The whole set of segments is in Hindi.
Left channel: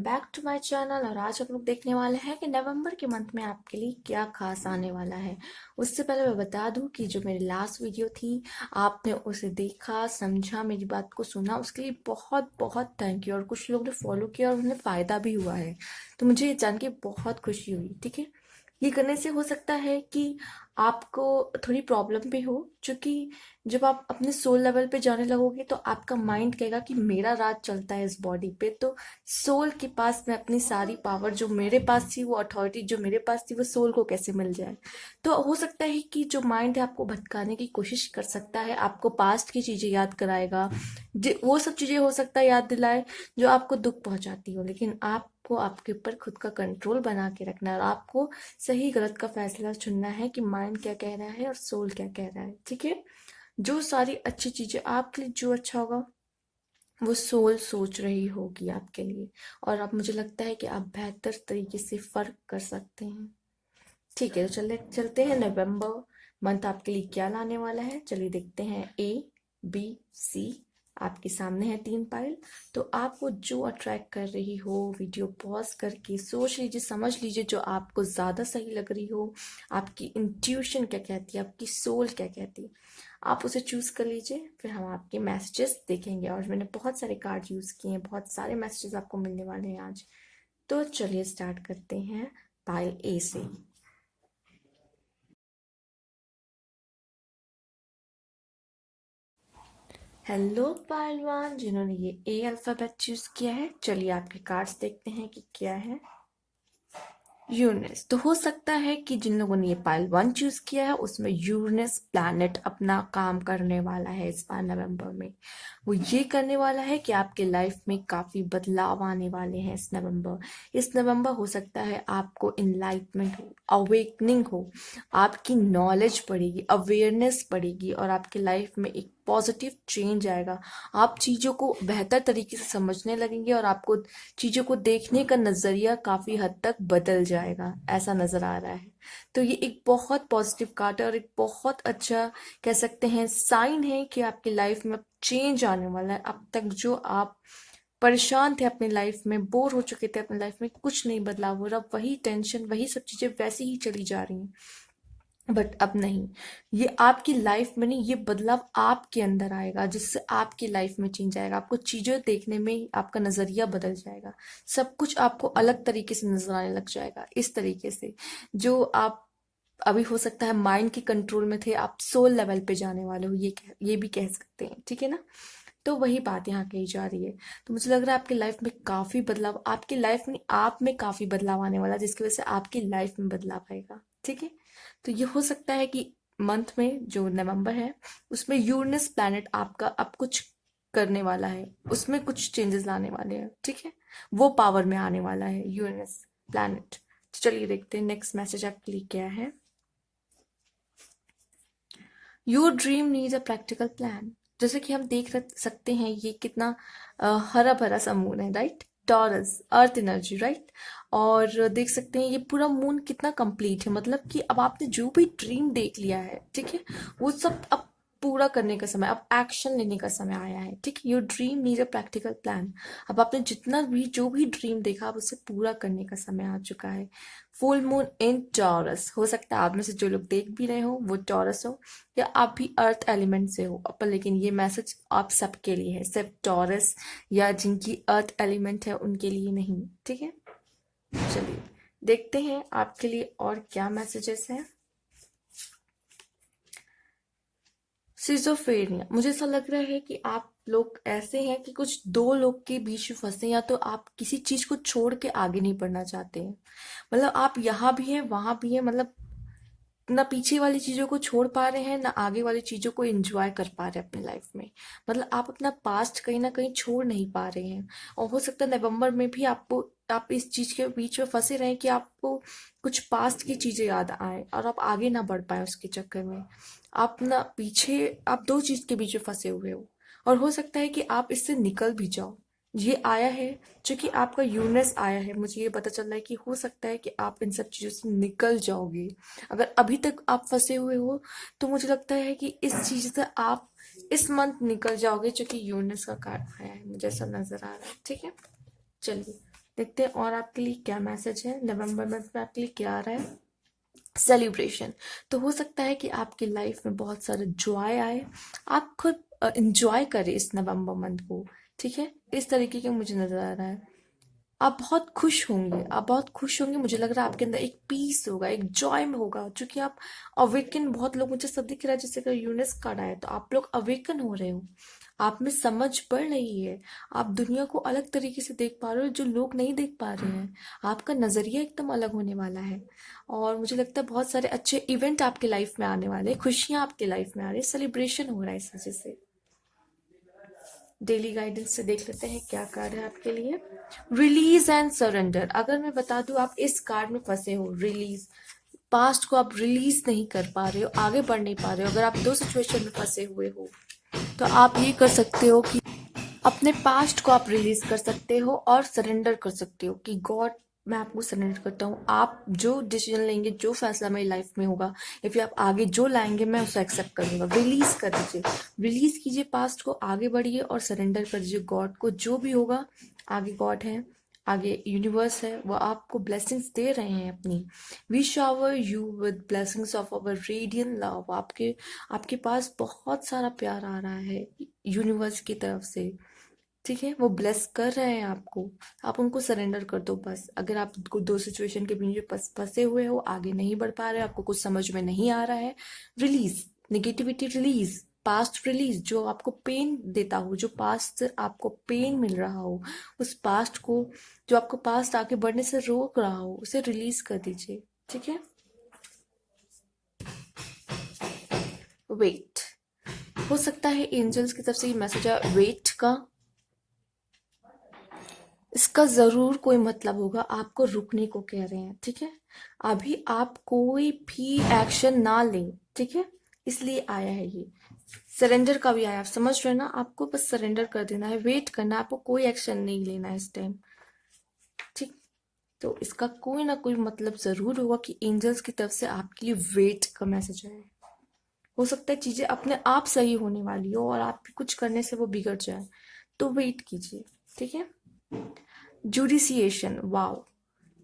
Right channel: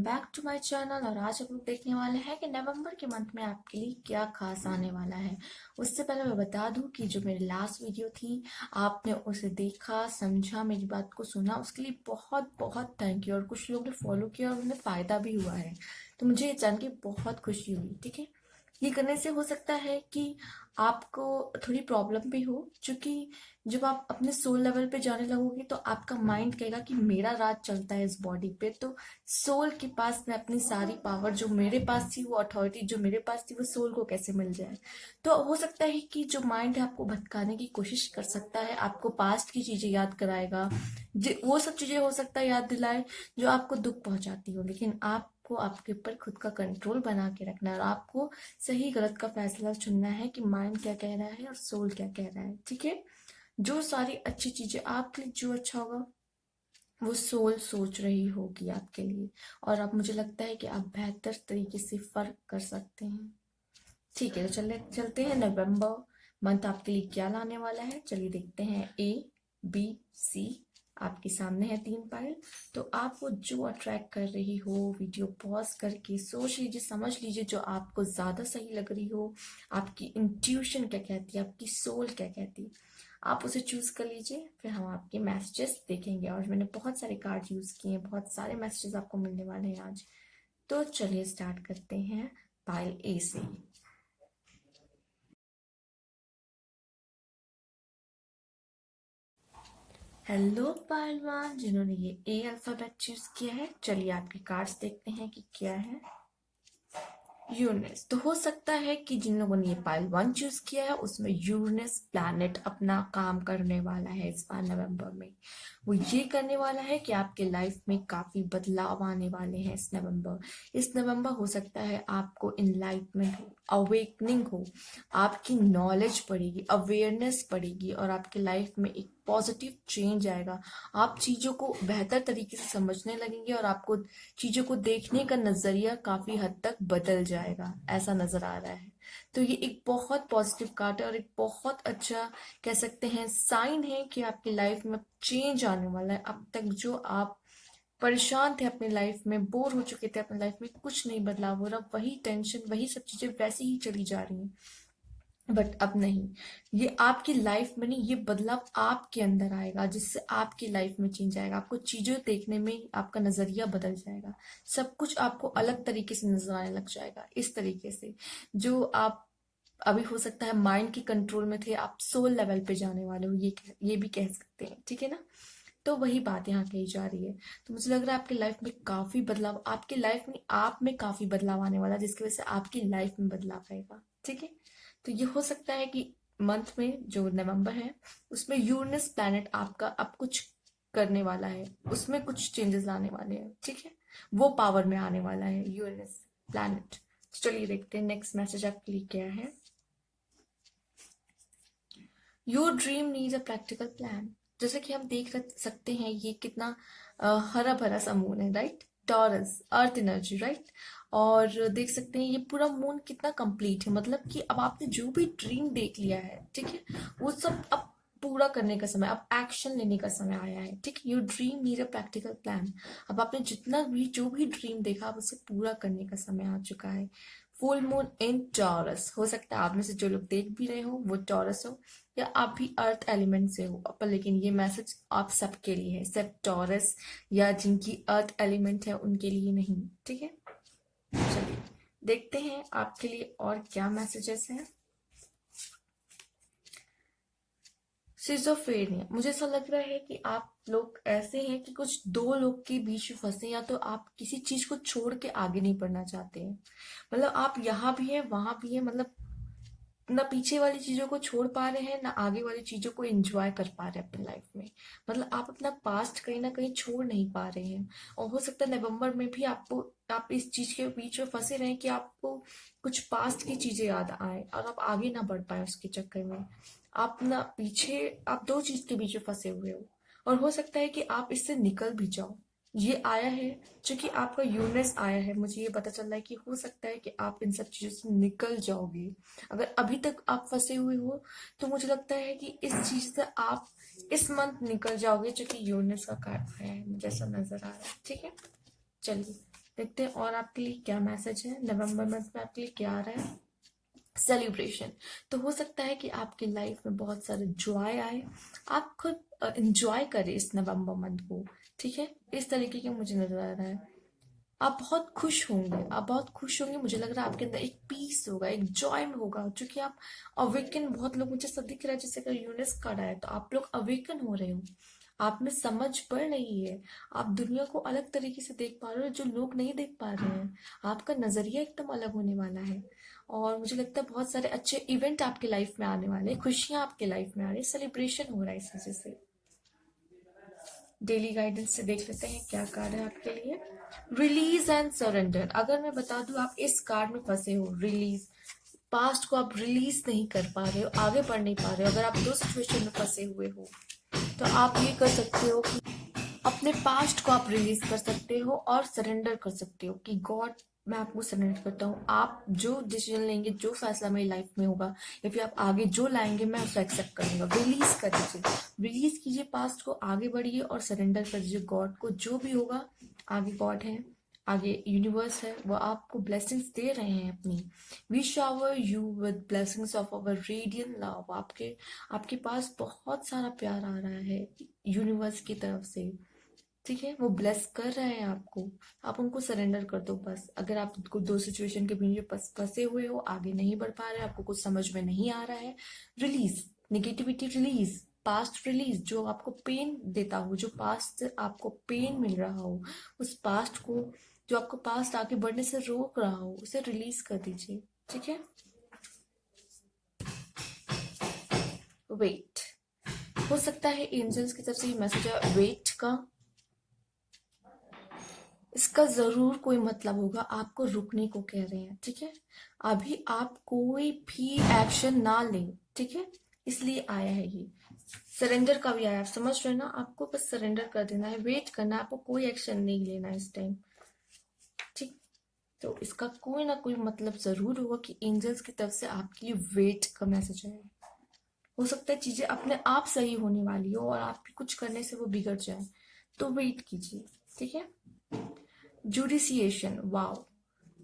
Back to my channel. और आज हम लोग देखने वाले हैं कि नवंबर के मंथ में आपके लिए क्या खास आने वाला है। उससे पहले मैं बता दूं कि जो मेरी लास्ट वीडियो थी, आपने उसे देखा, समझा, मेरी बात को सुना, उसके लिए बहुत बहुत थैंक यू। और कुछ लोग ने फॉलो किया और उन्हें फ़ायदा भी हुआ है, तो मुझे ये जान के बहुत खुशी हुई। ठीक है, ये करने से हो सकता है कि आपको थोड़ी प्रॉब्लम भी हो, क्योंकि जब आप अपने सोल लेवल पे जाने लगोगे तो आपका माइंड कहेगा कि मेरा राज चलता है इस बॉडी पे, तो सोल के पास में अपनी सारी पावर जो मेरे पास थी, वो अथॉरिटी जो मेरे पास थी, वो सोल को कैसे मिल जाए। तो हो सकता है कि जो माइंड है आपको भटकाने की कोशिश कर सकता है, आपको पास्ट की चीजें याद कराएगा, वो सब चीजें हो सकता है याद दिलाए जो आपको दुख पहुंचाती हो। लेकिन आपको आपके ऊपर खुद का कंट्रोल बना के रखना है और आपको सही गलत का फैसला चुनना है कि माइंड क्या कह रहा है और सोल क्या कह रहा है। ठीक है, जो सारी अच्छी चीजें आपके लिए, जो अच्छा होगा वो सोल सोच रही होगी आपके लिए, और अब मुझे लगता है कि आप बेहतर तरीके से फर्क कर सकते हैं। ठीक है, तो चलते हैं नवंबर मंथ आपके लिए क्या लाने वाला है। चलिए देखते हैं। A B C आपके सामने है 3 पाइल। तो आपको जो अट्रैक्ट कर रही हो, वीडियो पॉज करके सोच लीजिए, समझ लीजिए जो आपको ज्यादा सही लग रही हो, आपकी इंट्यूशन क्या कहती है, आपकी सोल क्या कहती है, आप उसे चूज कर लीजिए। फिर हम आपके मैसेजेस देखेंगे, और मैंने बहुत सारे कार्ड यूज किए हैं, बहुत सारे मैसेजेस आपको मिलने वाले हैं आज। तो चलिए स्टार्ट करते हैं पाइल A से। हेलो पहलवान जिन्होंने ये ए अल्फाबेट चूज किया है, चलिए आपके कार्ड्स देखते हैं कि क्या है। यूरेनस। तो हो सकता है कि जिन लोगों ने ये पाइल 1 चूज किया है, उसमें यूरेनस प्लैनेट अपना काम करने वाला है इस बार नवंबर में। वो ये करने वाला है कि आपके लाइफ में काफी बदलाव आने वाले हैं इस नवंबर हो सकता है आपको इनलाइटमेंट हो, अवेकनिंग हो, आपकी नॉलेज बढ़ेगी, अवेयरनेस बढ़ेगी, और आपके लाइफ में एक पॉजिटिव चेंज आएगा। आप चीजों को बेहतर तरीके से समझने लगेंगे और आपको चीजों को देखने का नजरिया काफी हद तक बदल जाएगा, ऐसा नजर आ रहा है। तो ये एक बहुत पॉजिटिव कार्ड है और एक बहुत अच्छा कह सकते हैं साइन है कि आपकी लाइफ में चेंज आने वाला है। अब तक जो आप परेशान थे अपनी लाइफ में, बोर हो चुके थे अपनी लाइफ में, कुछ नहीं बदलाव हो रहा, वही टेंशन, वही सब चीजें वैसी ही चली जा रही हैं। बट अब नहीं, ये आपकी लाइफ में नहीं, ये बदलाव आपके अंदर आएगा, जिससे आपकी लाइफ में चेंज आएगा। आपको चीजें देखने में आपका नजरिया बदल जाएगा, सब कुछ आपको अलग तरीके से नजर आने लग जाएगा। इस तरीके से जो आप अभी हो सकता है माइंड के कंट्रोल में थे, आप सोल लेवल पे जाने वाले हो, ये भी कह सकते हैं। ठीक है ना, तो वही बात यहाँ कही जा रही है। तो मुझे लग रहा है आपकी लाइफ में काफी बदलाव, आपकी लाइफ में आप में काफी बदलाव आने वाला है, जिसकी वजह से आपकी लाइफ में बदलाव आएगा। ठीक है, तो ये हो सकता है कि मंथ में जो नवंबर है, उसमें यूरेनस प्लैनेट आपका अब कुछ करने वाला है, उसमें कुछ चेंजेस लाने वाले हैं। ठीक है, वो पावर में आने वाला है यूरेनस प्लैनेट। तो चलिए देखते हैं नेक्स्ट मैसेज आपके लिए क्या है। Your dream needs a practical plan. जैसे कि हम सकते हैं, ये कितना हरा भरा सा मून है, right, taurus earth energy, right. और देख सकते हैं ये पूरा मून कितना कंप्लीट है, मतलब कि अब आपने जो भी ड्रीम देख लिया है, ठीक है, वो सब अब पूरा करने का समय, अब एक्शन लेने का समय आया है। ठीक है, your dream need a practical plan. अब आपने जितना भी जो भी ड्रीम देखा, अब उसे पूरा करने का समय आ चुका है। Full moon in taurus. हो सकता है आप में से जो लोग देख भी रहे हो वो टॉरस हो, या आप भी अर्थ एलिमेंट से हो, पर लेकिन ये मैसेज आप सबके लिए है, सिर्फ टॉरस या जिनकी अर्थ एलिमेंट है उनके लिए नहीं। ठीक है, चलिए देखते हैं आपके लिए और क्या मैसेजेस हैं। सिजोफ्रेनिया। मुझे ऐसा लग रहा है कि आप लोग ऐसे हैं कि कुछ दो लोग के बीच में फंसे, या तो आप किसी चीज को छोड़ के आगे नहीं बढ़ना चाहते हैं, मतलब आप यहाँ भी हैं वहां भी हैं, मतलब ना पीछे वाली चीजों को छोड़ पा रहे हैं, ना आगे वाली चीजों को एंजॉय कर पा रहे हैं अपनी लाइफ में। मतलब आप अपना पास्ट कहीं ना कहीं छोड़ नहीं पा रहे हैं, और हो सकता है नवंबर में भी आपको, आप इस चीज के बीच में फंसे रहे कि आपको कुछ पास्ट की चीजें याद आए और आप आगे ना बढ़ पाए उसके चक्कर में। आप ना पीछे, आप दो चीज के बीच में फंसे हुए हो, और हो सकता है कि आप इससे निकल भी जाओ। ये आया है, क्योंकि आपका यूनिस आया है, मुझे ये पता चल रहा है कि हो सकता है कि आप इन सब चीजों से निकल जाओगे। अगर अभी तक आप फंसे हुए हो, तो मुझे लगता है कि इस चीज से आप इस मंथ निकल जाओगे, जो कि यूनिस का कार्ड आया है, मुझे ऐसा नजर आ रहा है। ठीक है, चलिए देखते हैं और आपके लिए क्या मैसेज है। नवंबर मंथ में आपके लिए क्या आ रहा है। सेलिब्रेशन। तो हो सकता है कि आपकी लाइफ में बहुत सारा जॉय आए, आप खुद इंजॉय करें इस नवंबर मंथ को। ठीक है, इस तरीके का मुझे नजर आ रहा है। आप बहुत खुश होंगे, आप बहुत खुश होंगे। मुझे लग रहा है आपके अंदर एक पीस होगा, एक जॉय में होगा, क्योंकि आप अवेकन, बहुत लोग, मुझे सब दिख रहा है जैसे कि यूनिस कार्ड आया, तो आप लोग अवेकन हो रहे हो, आप में समझ बढ़ रही है, आप दुनिया को अलग तरीके से देख पा रहे हो जो लोग नहीं देख पा रहे हैं। आपका नजरिया एकदम अलग होने वाला है, और मुझे लगता है बहुत सारे अच्छे इवेंट आपके लाइफ में आने वाले हैं, खुशियां आपके लाइफ में आ रही है, सेलिब्रेशन हो रहा है इस वजह से। डेली गाइडेंस से देख लेते हैं क्या कार्ड है आपके लिए। Release and surrender. अगर मैं बता दूं आप इस कार्ड में फंसे हो, रिलीज, पास्ट को आप रिलीज नहीं कर पा रहे हो, आगे बढ़ नहीं पा रहे हो, अगर आप दो सिचुएशन में फंसे हुए हो, तो आप ये कर सकते हो कि अपने पास्ट को आप रिलीज कर सकते हो और सरेंडर कर सकते हो कि गॉड, मैं आपको सरेंडर करता हूँ, आप जो डिसीजन लेंगे, जो फैसला मेरी लाइफ में होगा, या फिर आप आगे जो लाएंगे, मैं उसे एक्सेप्ट करूंगा। रिलीज कर दीजिए, रिलीज कीजिए पास्ट को, आगे बढ़िए और सरेंडर कर दीजिए गॉड को। जो भी होगा, आगे गॉड है, आगे यूनिवर्स है, वो आपको ब्लेसिंग्स दे रहे हैं अपनी। We shower you with blessings of our radiant love. आपके आपके पास बहुत सारा प्यार आ रहा है यूनिवर्स की तरफ से। ठीक है, वो ब्लेस कर रहे हैं आपको, आप उनको सरेंडर कर दो बस। अगर आप दो सिचुएशन के बीच में फंसे हुए हो, आगे नहीं बढ़ पा रहे, आपको कुछ समझ में नहीं आ रहा है, release, negativity release, past release, जो आपको पेन देता हो, जो पास्ट से आपको पेन मिल रहा हो, उस पास्ट को, जो आपको पास्ट आगे बढ़ने से रोक रहा हो, उसे रिलीज कर दीजिए। ठीक है, वेट। हो सकता है एंजल्स की तरफ से ये मैसेज है वेट का। इसका जरूर कोई मतलब होगा, आपको रुकने को कह रहे हैं। ठीक है, अभी आप कोई भी एक्शन ना लें। ठीक है, इसलिए आया है ये। सरेंडर का भी आया, आप समझ रहे हैं ना, आपको बस सरेंडर कर देना है, वेट करना है, आपको कोई एक्शन नहीं लेना है इस टाइम। ठीक, तो इसका कोई ना कोई मतलब जरूर होगा कि एंजल्स की तरफ से आपके लिए वेट का मैसेज आया है। हो सकता है चीजें अपने आप सही होने वाली हो और आप कुछ करने से वो बिगड़ जाए, तो वेट कीजिए। ठीक है, जुडिसिएशन, वाओ,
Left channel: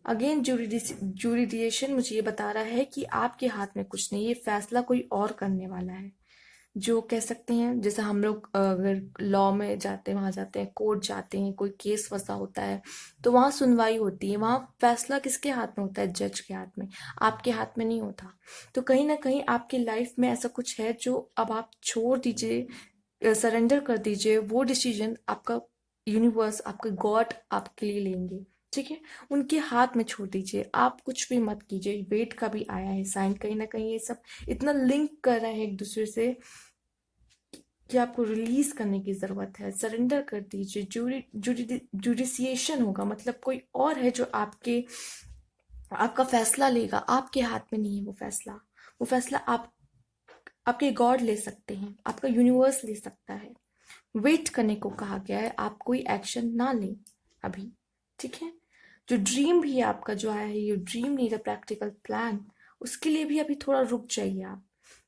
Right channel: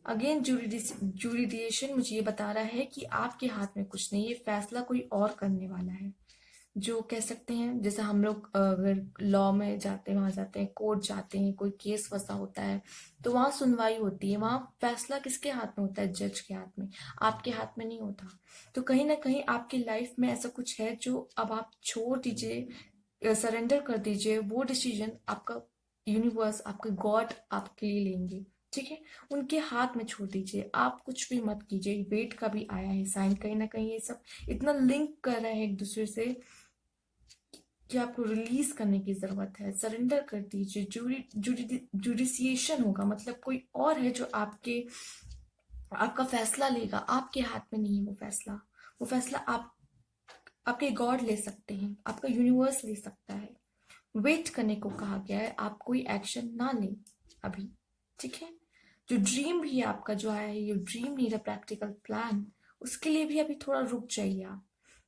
अगेन जुडिसिएशन मुझे ये बता रहा है कि आपके हाथ में कुछ नहीं, ये फैसला कोई और करने वाला है। जो कह सकते हैं, जैसे हम लोग अगर लॉ में जाते हैं, वहां जाते हैं, कोर्ट जाते हैं, कोई केस फंसा होता है, तो वहां सुनवाई होती है, वहां फैसला किसके हाथ में होता है, जज के हाथ में, आपके हाथ में नहीं होता। तो कहीं ना कहीं आपकी लाइफ में ऐसा कुछ है जो अब आप छोड़ दीजिए, सरेंडर कर दीजिए, वो डिसीजन आपका यूनिवर्स, आपका गॉड आपके लिए लेंगे। ठीक है, उनके हाथ में छोड़ दीजिए, आप कुछ भी मत कीजिए। वेट का भी आया है साइन, कहीं ना कहीं ये सब इतना लिंक कर रहे हैं एक दूसरे से कि आपको रिलीज करने की जरूरत है, सरेंडर कर दीजिए। जुडिसिएशन होगा, मतलब कोई और है जो आपका फैसला लेगा, आपके हाथ में नहीं है वो फैसला। वो फैसला आपके गॉड ले सकते हैं, आपका यूनिवर्स ले सकता है। वेट करने को कहा गया है, आप कोई एक्शन ना लें अभी। ठीक है, जो ड्रीम भी है आपका जो आया है, ये dream need a practical plan, उसके लिए भी अभी थोड़ा रुक जाइए आप,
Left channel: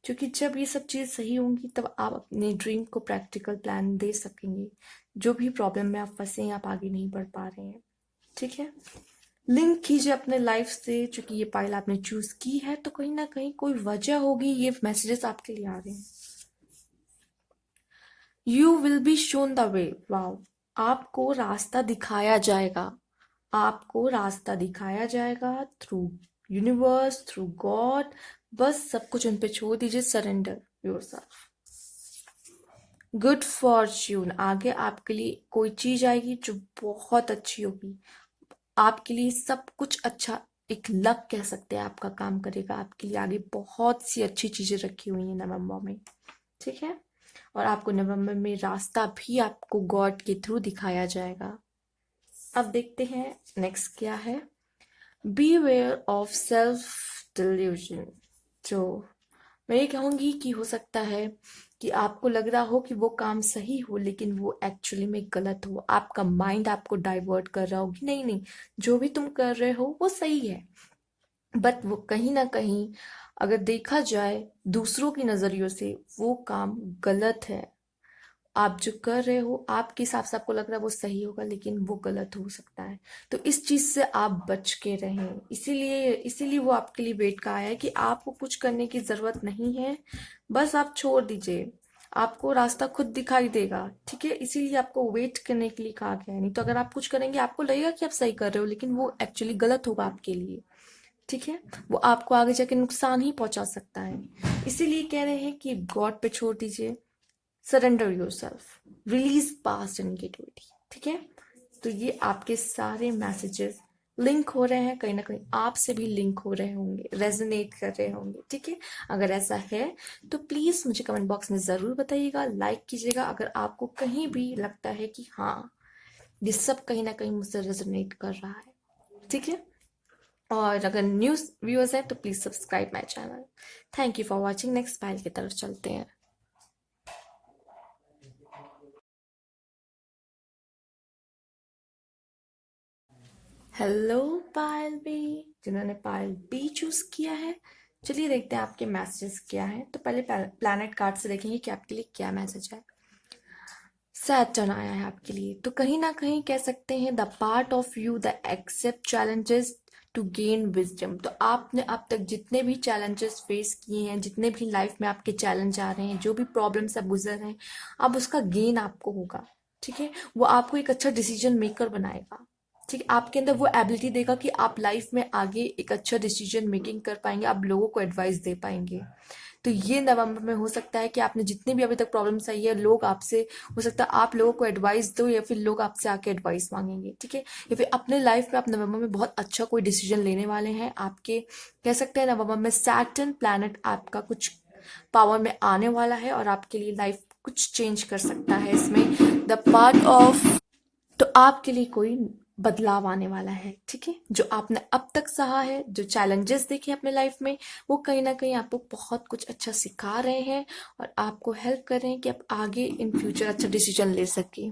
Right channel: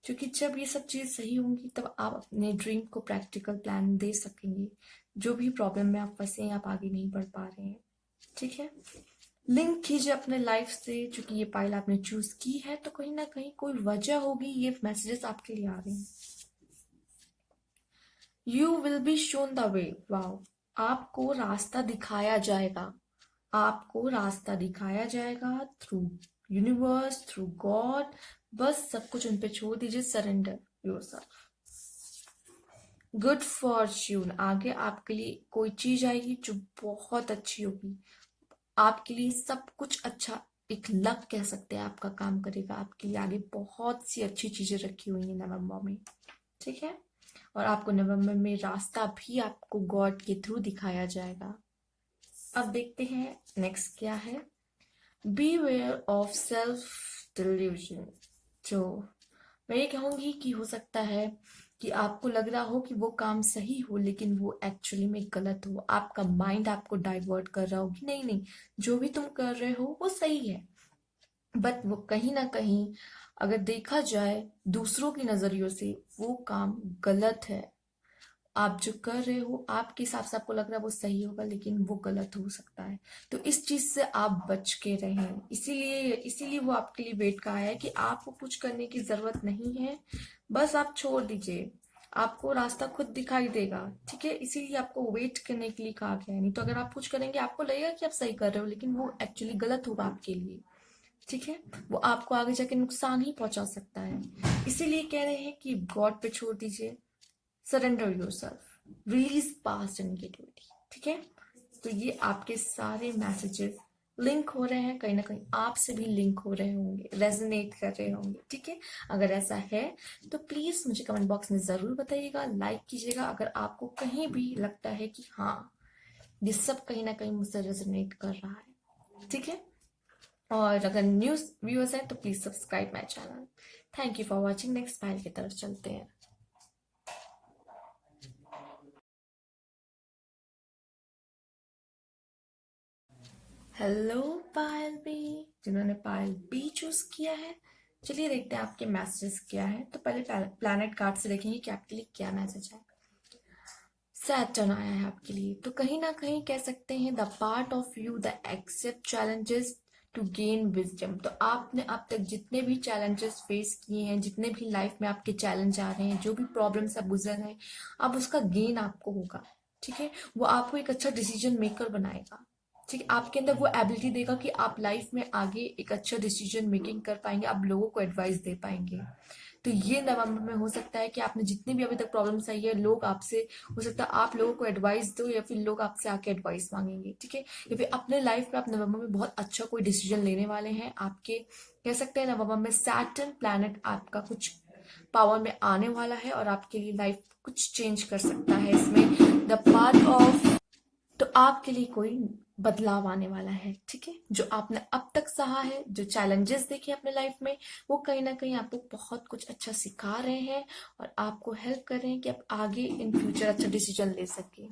क्योंकि जब ये सब चीज सही होंगी तब आप अपने ड्रीम को प्रैक्टिकल प्लान दे सकेंगे। जो भी प्रॉब्लम में आप फंसे हैं, आप आगे नहीं बढ़ पा रहे हैं। ठीक है, लिंक कीजिए अपने लाइफ से, चूंकि ये पाइल आपने चूज की है, तो कहीं ना कहीं कोई वजह होगी, ये मैसेजेस आपके लिए आ रहे हैं। You will be shown the way, wow, आपको रास्ता दिखाया जाएगा, आपको रास्ता दिखाया जाएगा थ्रू यूनिवर्स, थ्रू गॉड। बस सब कुछ उन पे छोड़ दीजिए, सरेंडर योरसेल्फ। गुड फॉर्च्यून, आगे आपके लिए कोई चीज आएगी जो बहुत अच्छी होगी, आपके लिए सब कुछ अच्छा, एक लक कह सकते हैं, आपका काम करेगा आपके लिए। आगे बहुत सी अच्छी चीजें रखी हुई हैं नवंबर में। ठीक है, और आपको नवंबर में रास्ता भी आपको गॉड के थ्रू दिखाया जाएगा। अब देखते हैं नेक्स्ट क्या है। Beware of self delusion. जो मैं ये कहूंगी कि हो सकता है कि आपको लग रहा हो कि वो काम सही हो, लेकिन वो एक्चुअली में गलत हो, आपका माइंड आपको डाइवर्ट कर रहा हो कि नहीं नहीं, जो भी तुम कर रहे हो वो सही है, बट वो कहीं ना कहीं अगर देखा जाए दूसरों की नजरियों से, वो काम गलत है। आप जो कर रहे हो आपके हिसाब से आपको लग रहा है वो सही होगा, लेकिन वो गलत हो सकता है। तो इस चीज से आप बच के रहें। इसीलिए इसीलिए वो आपके लिए वेट का है कि आपको कुछ करने की जरूरत नहीं है, बस आप छोड़ दीजिए, आपको रास्ता खुद दिखाई देगा। ठीक है, इसीलिए आपको वेट करने के लिए कहा गया है। नहीं तो अगर आप कुछ करेंगे आपको लगेगा कि आप सही कर रहे हो, लेकिन वो एक्चुअली गलत होगा आपके लिए। ठीक है, वो आपको आगे जाके नुकसान ही पहुंचा सकता है। इसीलिए कह रहे हैं कि गॉड पे छोड़ दीजिए, surrender yourself, release past and get ready. ठीक है, तो ये आपके सारे मैसेजेस लिंक हो रहे हैं, कहीं ना कहीं आपसे भी लिंक हो रहे होंगे, रेजोनेट कर रहे होंगे। ठीक है, अगर ऐसा है तो प्लीज मुझे कमेंट बॉक्स में जरूर बताइएगा, लाइक कीजिएगा अगर आपको कहीं भी लगता है कि हाँ ये सब कहीं ना कहीं मुझसे रेजोनेट कर रहा है। ठीक है, और अगर न्यूज व्यूअर्स है तो please subscribe my channel. Thank you for watching. Next file की तरफ चलते हैं। हेलो पायल बी, जिन्होंने पायल बी चूज किया है, चलिए देखते हैं आपके मैसेजेस क्या है। तो पहले प्लैनेट कार्ड से देखेंगे कि आपके लिए क्या मैसेज है। सैटर्न आया है आपके लिए, तो कहीं ना कहीं कह सकते हैं the part of you the accept challenges to gain wisdom. तो आपने अब तक जितने भी चैलेंजेस फेस किए हैं, जितने भी लाइफ में आपके चैलेंज आ रहे हैं, जो भी प्रॉब्लम से आप गुजर रहे हैं, अब उसका गेन आपको होगा। ठीक है, वो आपको एक अच्छा डिसीजन मेकर बनाएगा। ठीक है, आपके अंदर वो एबिलिटी देगा कि आप लाइफ में आगे एक अच्छा डिसीजन मेकिंग कर पाएंगे, आप लोगों को एडवाइस दे पाएंगे। तो ये नवंबर में हो सकता है कि आपने जितने भी अभी तक प्रॉब्लम्स आई है, लोग आपसे, हो सकता है आप लोगों को एडवाइस दो या फिर लोग आपसे आके एडवाइस मांगेंगे। ठीक है, या फिर अपने लाइफ में आप नवंबर में बहुत अच्छा कोई डिसीजन लेने वाले हैं। आपके कह सकते हैं नवंबर में सैटर्न प्लैनेट आपका कुछ पावर में आने वाला है और आपके लिए लाइफ कुछ चेंज कर सकता है इसमें द पार्ट ऑफ। तो आपके लिए कोई बदलाव आने वाला है। ठीक है, जो आपने अब तक सहा है, जो चैलेंजेस देखे अपने लाइफ में, वो कहीं ना कहीं आपको बहुत कुछ अच्छा सिखा रहे हैं और आपको हेल्प कर रहे हैं कि आप आगे इन फ्यूचर अच्छा डिसीजन ले सके।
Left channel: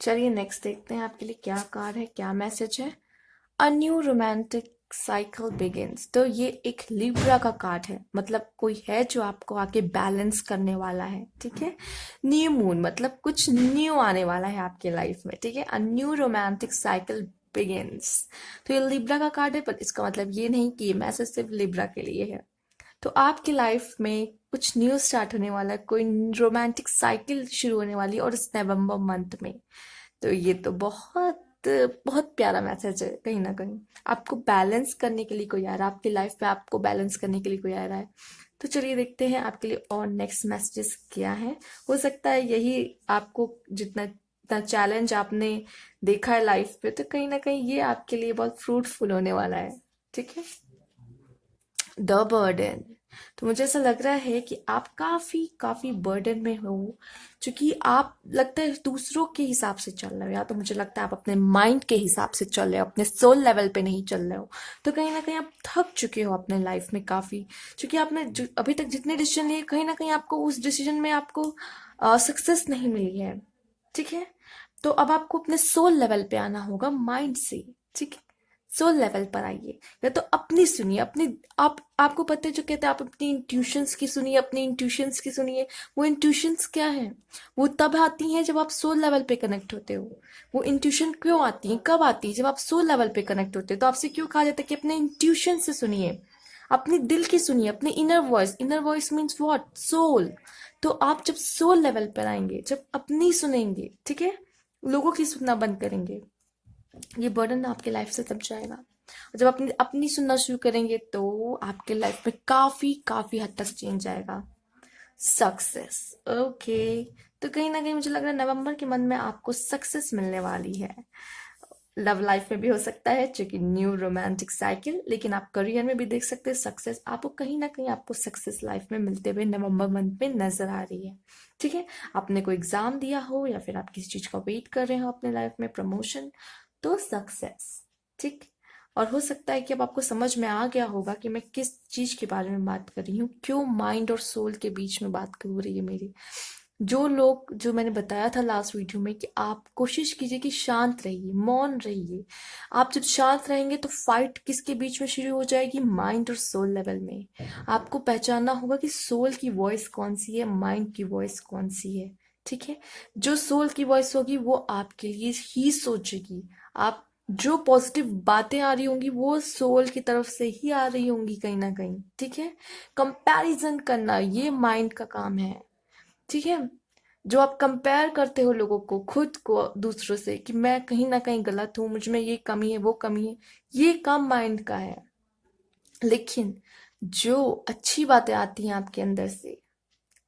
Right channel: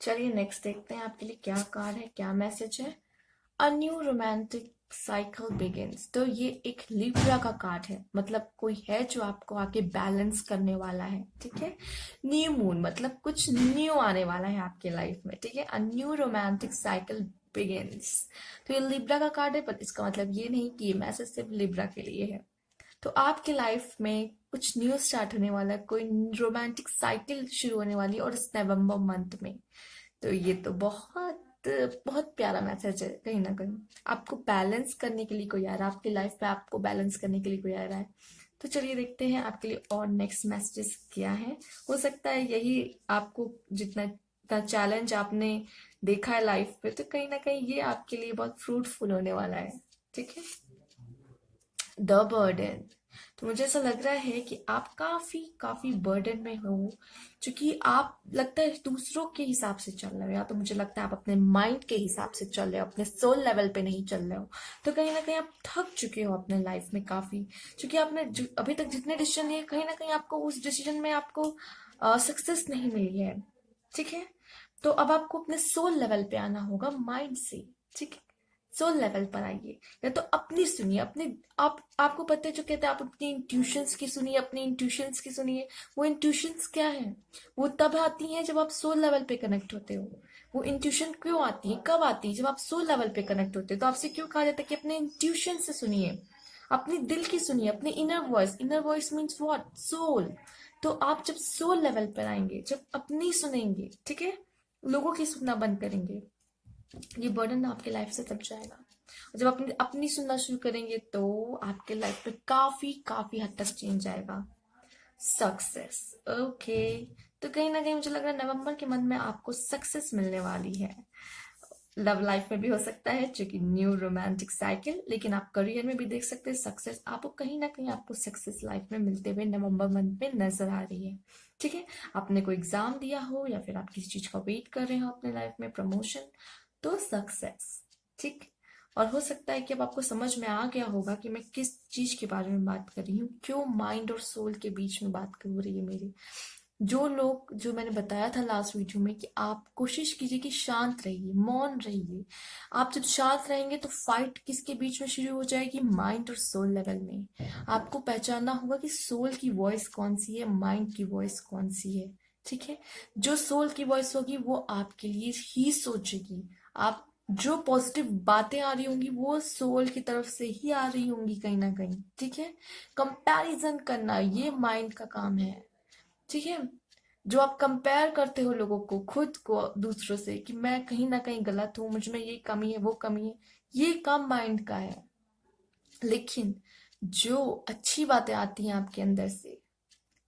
चलिए नेक्स्ट देखते हैं आपके लिए क्या कार्ड है, क्या मैसेज है। A new romantic cycle begins. तो ये एक लिब्रा का कार्ड है, मतलब कोई है जो आपको आके बैलेंस करने वाला है। ठीक है, न्यू मून मतलब कुछ न्यू आने वाला है आपके लाइफ में। ठीक है, a new romantic cycle begins. तो ये लिब्रा का कार्ड है, पर इसका मतलब ये नहीं कि ये मैसेज सिर्फ लिब्रा के लिए है। तो आपकी लाइफ में कुछ न्यू स्टार्ट होने वाला है, कोई रोमांटिक साइकिल शुरू होने वाली है, और इस नवंबर मंथ में। तो ये तो बहुत बहुत प्यारा मैसेज है। कहीं ना कहीं आपको बैलेंस करने के लिए कोई आ रहा है आपकी लाइफ में, आपको बैलेंस करने के लिए कोई आ रहा है। तो चलिए देखते हैं आपके लिए और नेक्स्ट मैसेजेस क्या है। हो सकता है यही आपको जितना जितना चैलेंज आपने देखा है लाइफ पे, तो कहीं ना कहीं ये आपके लिए बहुत फ्रूटफुल होने वाला है। ठीक है, द बर्डन। तो मुझे ऐसा लग रहा है कि आप काफी काफी बर्डन में हो, क्योंकि आप लगता है दूसरों के हिसाब से चल रहे हो, या तो मुझे लगता है आप अपने माइंड के हिसाब से चल रहे हो, अपने सोल लेवल पे नहीं चल रहे हो। तो कहीं ना कहीं आप थक चुके हो अपने लाइफ में काफी, क्योंकि आपने अभी तक जितने डिसीजन लिए, कहीं ना कहीं आपको उस डिसीजन में आपको सक्सेस नहीं मिली है। ठीक है, तो अब आपको अपने सोल लेवल पे आना होगा माइंड से। ठीक है, सोल लेवल पर आइए, या तो अपनी सुनिए, अपनी आपको पता है जो कहते हैं आप अपनी इंट्यूशंस की सुनिए, अपनी इंट्यूशंस की सुनिए। वो इंट्यूशंस क्या है, वो तब आती हैं जब आप सोल लेवल पे कनेक्ट होते हो। वो इंट्यूशन क्यों आती है, कब आती है, जब आप सोल लेवल पे कनेक्ट होते हो। तो आपसे क्यों कहा जाता है कि अपने इंट्यूशन से सुनिए, अपने दिल की सुनिए, अपने inner voice means what, soul. तो आप जब सोल लेवल पर आएंगे, जब अपनी सुनेंगे, ठीक है, लोगों की सुनना बंद करेंगे, ये बर्डन आपके लाइफ से तब जाएगा। और जब अपनी अपनी सुनना शुरू करेंगे तो आपके लाइफ में काफी काफी हद तक चेंज आएगा। Success, okay. तो कहीं ना कहीं मुझे लग रहा है नवंबर के मंथ में आपको सक्सेस मिलने वाली है। लव लाइफ में भी हो सकता है, क्योंकि न्यू रोमांटिक साइकिल, लेकिन आप करियर में भी देख सकते हैं सक्सेस। आपको कहीं ना कहीं आपको सक्सेस लाइफ में मिलते हुए नवंबर मंथ में नजर आ रही है। ठीक है, आपने कोई एग्जाम दिया हो या फिर आप किसी चीज का वेट कर रहे हो अपने लाइफ में, प्रमोशन, तो सक्सेस। ठीक, और हो सकता है कि अब आपको समझ में आ गया होगा कि मैं किस चीज के बारे में बात कर रही हूँ, क्यों माइंड और सोल के बीच में बात हो रही है मेरी। जो लोग, जो मैंने बताया था लास्ट वीडियो में कि आप कोशिश कीजिए कि शांत रहिए, मौन रहिए। आप जब शांत रहेंगे तो फाइट किसके बीच में शुरू हो जाएगी? माइंड और सोल लेवल में। आपको पहचानना होगा कि सोल की वॉइस कौन सी है, माइंड की वॉइस कौन सी है। ठीक है, जो सोल की वॉइस होगी वो आपके लिए ही सोचेगी। आप जो पॉजिटिव बातें आ रही होंगी वो सोल की तरफ से ही आ रही होंगी कहीं ना कहीं। ठीक है, कंपैरिजन करना ये माइंड का काम है। ठीक है, जो आप कंपेयर करते हो लोगों को, खुद को दूसरों से, कि मैं कहीं ना कहीं गलत हूं, मुझ में ये कमी है वो कमी है, ये काम माइंड का है। लेकिन जो अच्छी बातें आती हैं आपके अंदर से,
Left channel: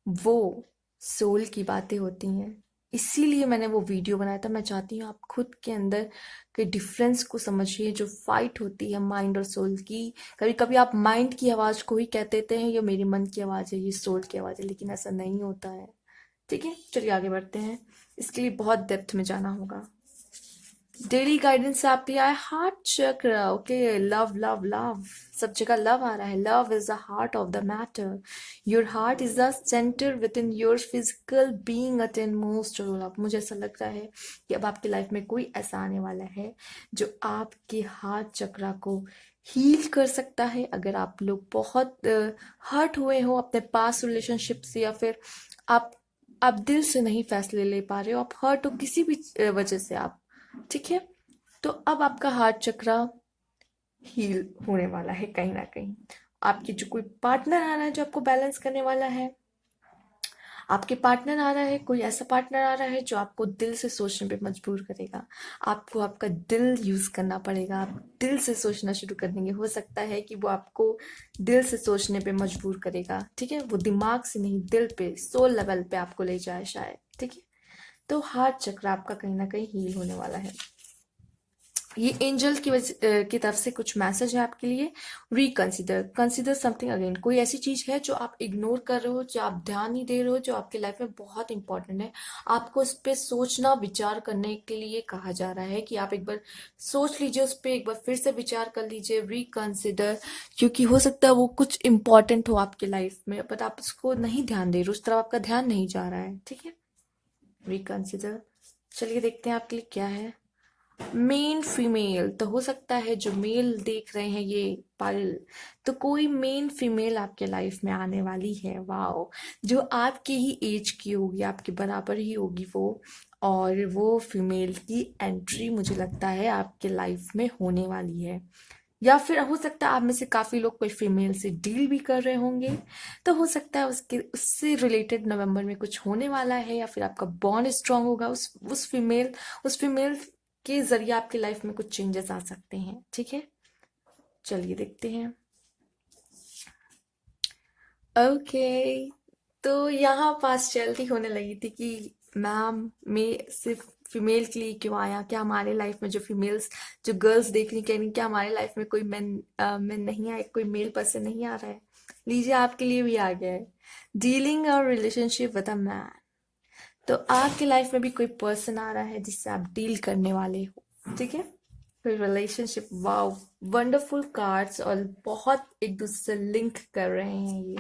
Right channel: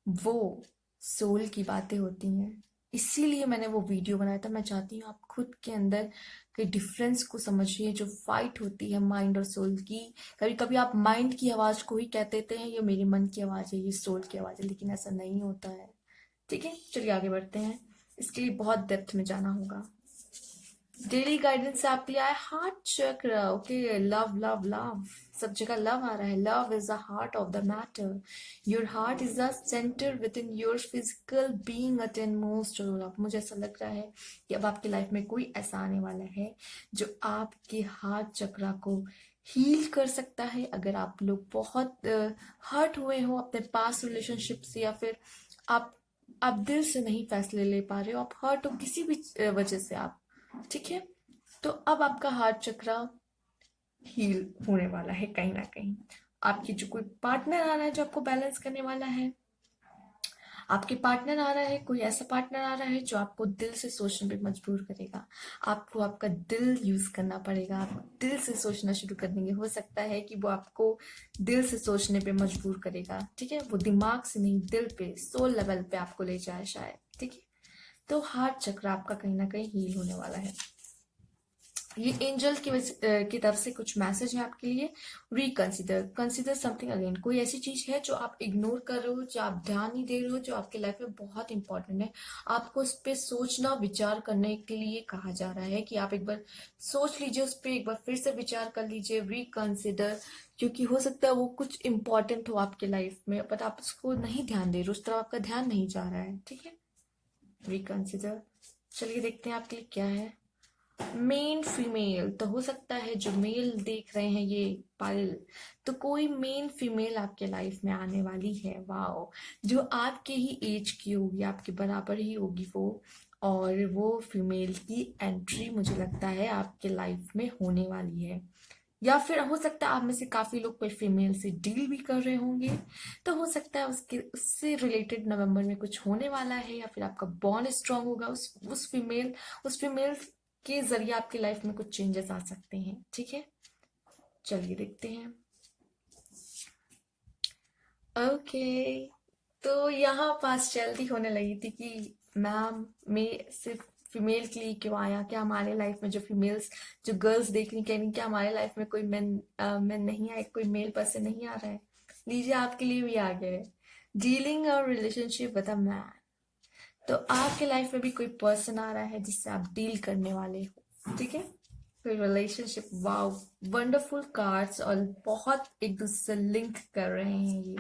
वो सोल की बातें होती हैं। इसीलिए मैंने वो वीडियो बनाया था। मैं चाहती हूँ आप खुद के अंदर के डिफरेंस को समझिए, जो फाइट होती है माइंड और सोल की। कभी कभी आप माइंड की आवाज को ही कह देते हैं ये मेरे मन की आवाज है, ये सोल की आवाज है, लेकिन ऐसा नहीं होता है। ठीक है, चलिए आगे बढ़ते हैं। इसके लिए बहुत डेप्थ में जाना होगा। डेली गाइडेंस से आपके लिए आया हार्ट चक्र। ओके, लव लव लव, सब जगह लव आ रहा है। Love is the heart of the matter. Your heart is the centre with in your physical being at in most. अब मुझे ऐसा लग रहा है कि अब आपकी लाइफ में कोई ऐसा आने वाला है जो आपके हार्ट चक्र को हील कर सकता है। अगर आप लोग बहुत हर्ट हुए हो अपने पास्ट रिलेशनशिप से, या फिर आप दिल से नहीं फैसले ले पा रहे हो, आप हर्ट हो किसी भी वजह से आप, ठीक है, तो अब आपका हार्ट चक्र हील होने वाला है कहीं ना कहीं। आपकी जो कोई पार्टनर आ रहा है जो आपको बैलेंस करने वाला है, आपके पार्टनर आ रहा है, कोई ऐसा पार्टनर आ रहा है जो आपको दिल से सोचने पे मजबूर करेगा। आपको आपका दिल यूज करना पड़ेगा। आप दिल से सोचना शुरू कर देंगे। हो सकता है कि वो आपको दिल से सोचने पे मजबूर करेगा। ठीक है, वो दिमाग से नहीं, दिल पे, सोल लेवल पे आपको ले जाए शायद। ठीक है, तो हार्ट चक्र आपका कहीं ना कहीं हील होने वाला है। ये एंजल की तरफ से कुछ मैसेज है आपके लिए। Reconsider, consider something again. कोई ऐसी चीज है जो आप इग्नोर कर रहे हो, जो आप ध्यान नहीं दे रहे हो, जो आपकी लाइफ में बहुत इंपॉर्टेंट है। आपको उस पर सोचना, विचार करने के लिए कहा जा रहा है कि आप एक बार सोच लीजिए, उस पर एक बार फिर से विचार कर लीजिए। रिकंसिडर, क्योंकि हो सकता है वो कुछ इंपॉर्टेंट हो आपकी लाइफ में, बट आप उसको नहीं ध्यान दे रहे, उस तरफ आपका ध्यान नहीं जा रहा है। ठीक है, रिकंसिडर। चलिए देखते हैं आपके लिए क्या है। मेन फीमेल, तो हो सकता है जो मेल देख रहे हैं ये पायल, तो कोई मेन फीमेल आपके लाइफ में आने वाली है। वाओ, जो आपके ही एज की होगी, आपके बराबर ही होगी वो। और वो फीमेल की एंट्री मुझे लगता है आपके लाइफ में होने वाली है। या फिर हो सकता है आप में से काफी लोग कोई फीमेल से डील भी कर रहे होंगे, तो हो सकता है उसके उससे रिलेटेड नवंबर में कुछ होने वाला है। या फिर आपका बॉन्ड स्ट्रांग होगा उस फीमेल के जरिए आपकी लाइफ में कुछ चेंजेस आ सकते हैं। ठीक है, चलिए देखते हैं। ओके, तो यहाँ पास चलती होने लगी थी कि मैम में सिर्फ फीमेल के लिए क्यों आया, क्या हमारे लाइफ में जो फीमेल्स, जो गर्ल्स देख रही कह रही क्या हमारे लाइफ में कोई मैन नहीं आए, कोई मेल पर्सन नहीं आ रहा है। लीजिए आपके लिए भी आ गया है। डीलिंग और रिलेशनशिप विद अ मैन, तो आपके लाइफ में भी कोई पर्सन आ रहा है जिससे आप डील करने वाले हो। ठीक है, कोई रिलेशनशिप। वाओ, वंडरफुल कार्ड्स, और बहुत एक दूसरे से लिंक कर रहे हैं ये।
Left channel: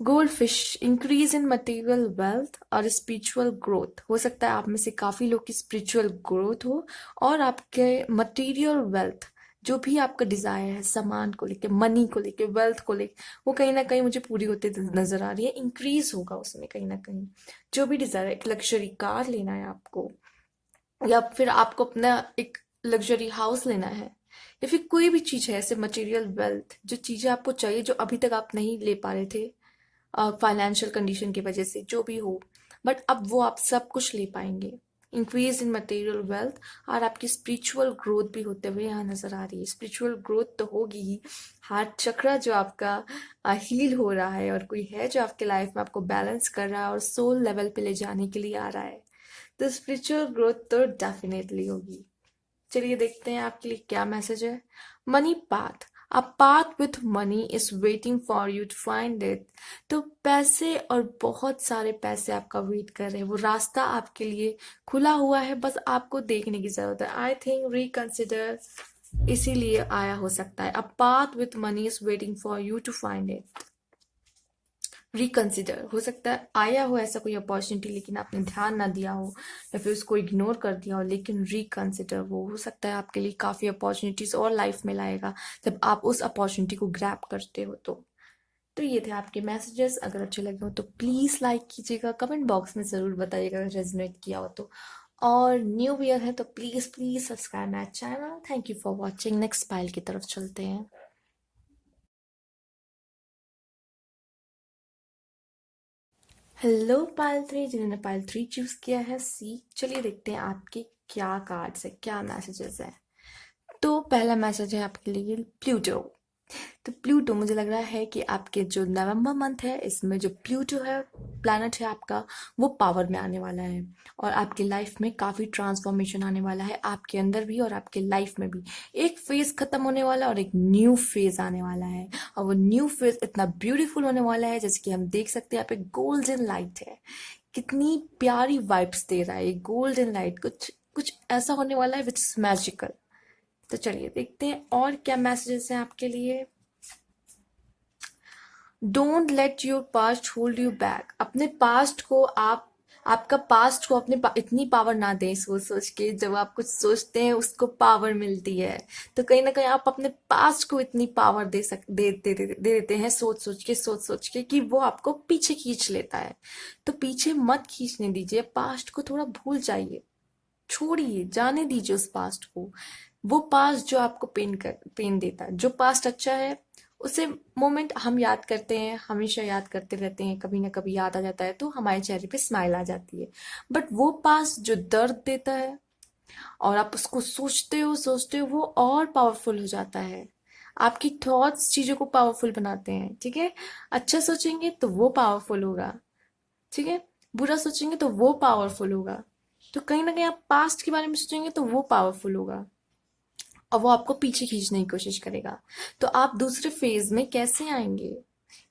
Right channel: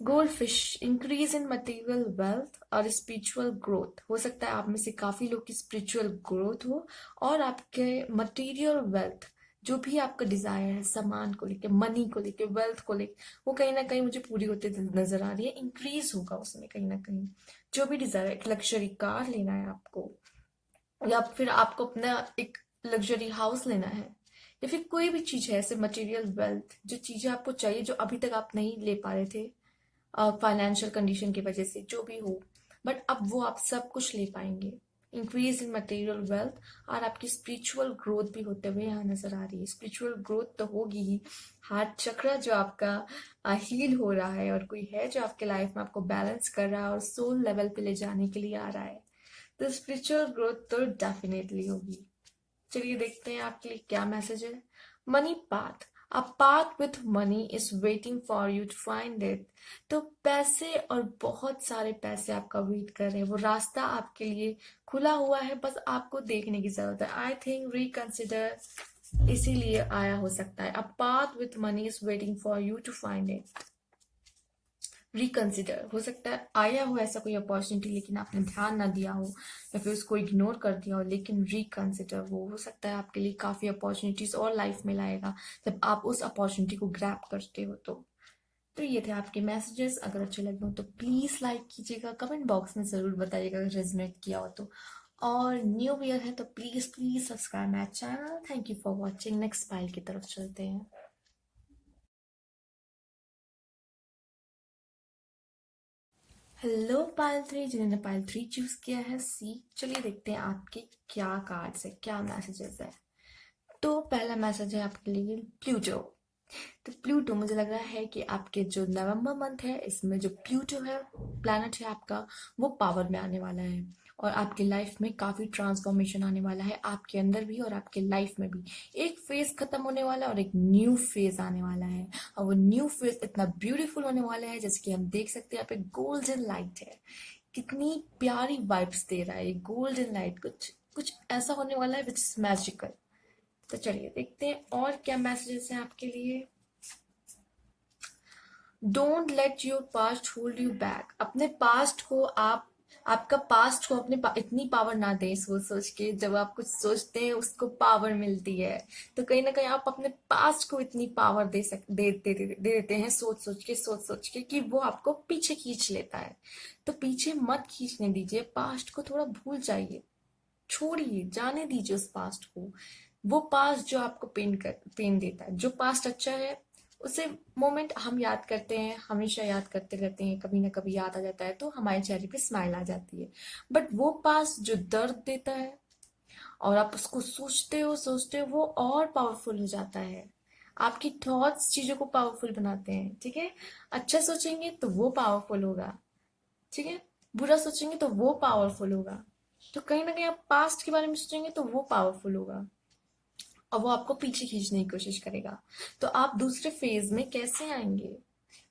Gold fish, increase in material wealth और स्पिरिचुअल ग्रोथ। हो सकता है आप में से काफी लोग की स्पिरिचुअल ग्रोथ हो, और आपके मटेरियल वेल्थ, जो भी आपका डिजायर है सामान को लेके, मनी को लेके, वेल्थ को लेके, वो कहीं ना कहीं मुझे पूरी होते नजर आ रही है। इंक्रीज होगा उसमें कहीं ना कहीं। जो भी डिजायर है, एक लग्जरी कार लेना है आपको, या फिर आपको अपना एक लग्जरी हाउस लेना है, या फिर कोई भी चीज है ऐसे मटेरियल वेल्थ, जो चीजें आपको चाहिए जो अभी तक आप नहीं ले पा रहे थे फाइनेंशियल कंडीशन की वजह से, जो भी हो, बट अब वो आप सब कुछ ले पाएंगे। इंक्रीज इन मटेरियल वेल्थ, और आपकी स्पिरिचुअल ग्रोथ भी होते हुए यहाँ नजर आ रही है। स्पिरिचुअल ग्रोथ तो होगी ही। हार्ट चक्र जो आपका हील हो रहा है, और कोई है जो आपके लाइफ में आपको बैलेंस कर रहा है और सोल लेवल पे ले जाने के लिए आ रहा है, तो स्पिरिचुअल ग्रोथ तो डेफिनेटली होगी। चलिए देखते हैं आपके लिए क्या मैसेज है। Money path, a path with money is waiting for you to find it. तो पैसे, और बहुत सारे पैसे आपका वेट कर रहे हैं, वो रास्ता आपके लिए खुला हुआ है, बस आपको देखने की जरूरत है। आई थिंक रिकंसिडर इसीलिए आया हो सकता है। A path with money is waiting for you to find it. Reconsider, हो सकता है आया हो ऐसा कोई अपॉर्चुनिटी लेकिन आपने ध्यान ना दिया हो या फिर उसको इग्नोर कर दिया हो, लेकिन रिकंसिडर वो हो सकता है आपके लिए काफ़ी अपॉर्चुनिटीज और लाइफ में लाएगा जब आप उस अपॉर्चुनिटी को ग्रैब करते हो। तो ये थे आपके मैसेजेस। अगर अच्छे लगे हो तो प्लीज़ लाइक कीजिएगा, कमेंट बॉक्स में ज़रूर बताइएगा अगर रेजोनेट किया हो तो। और न्यू ईयर है तो please please subscribe my channel. Thank you for watching. Next pile की तरफ चलते हैं। हेलो पाइल 3, जिन्होंने पाइल 3 चूज किया है सी, चलिए देखते हैं आपके क्या कार्ड्स है, क्या मैसेजेस है। तो पहला मैसेज है आपके लिए प्लूटो। तो प्लूटो, मुझे लग रहा है कि आपके जो नवंबर मंथ है इसमें जो प्लूटो है प्लैनेट है आपका, वो पावर में आने वाला है और आपकी लाइफ में काफ़ी ट्रांसफॉर्मेशन आने वाला है, आपके अंदर भी और आपके लाइफ में भी। एक फेज खत्म होने वाला है और एक न्यू फेज आने वाला है, और वो न्यू फेज इतना ब्यूटीफुल होने वाला है जैसे कि हम देख सकते हैं यहाँ पे गोल्डन लाइट है, कितनी प्यारी वाइब्स दे रहा है ये गोल्डन लाइट। कुछ कुछ ऐसा होने वाला है विच इज मैजिकल। तो चलिए देखते हैं और क्या मैसेजेस हैं आपके लिए। Don't let your past hold you back. अपने पास्ट को आपका पास्ट को इतनी पावर ना दें सोच सोच के। जब आप कुछ सोचते हैं उसको पावर मिलती है, तो कहीं ना कहीं आप अपने पास्ट को इतनी पावर दे देते हैं सोच सोच के कि वो आपको पीछे खींच लेता है। तो पीछे मत खींचने दीजिए, पास्ट को थोड़ा भूल जाइए, छोड़िए, जाने दीजिए उस पास्ट को। वो पास्ट जो आपको पेन देता है, जो पास्ट अच्छा है उसे मोमेंट हम याद करते हैं, हमेशा याद करते रहते हैं, कभी ना कभी याद आ जाता है तो हमारे चेहरे पे स्माइल आ जाती है। बट वो पास्ट जो दर्द देता है और आप उसको सोचते हो वो और पावरफुल हो जाता है। आपकी थॉट्स चीजों को पावरफुल बनाते हैं, ठीक है। अच्छा सोचेंगे तो वो पावरफुल होगा, ठीक है। बुरा सोचेंगे तो वो पावरफुल होगा। तो कहीं ना कहीं आप पास्ट के बारे में सोचेंगे तो वो पावरफुल होगा और वो आपको पीछे खींचने की कोशिश करेगा। तो आप दूसरे फेज में कैसे आएंगे,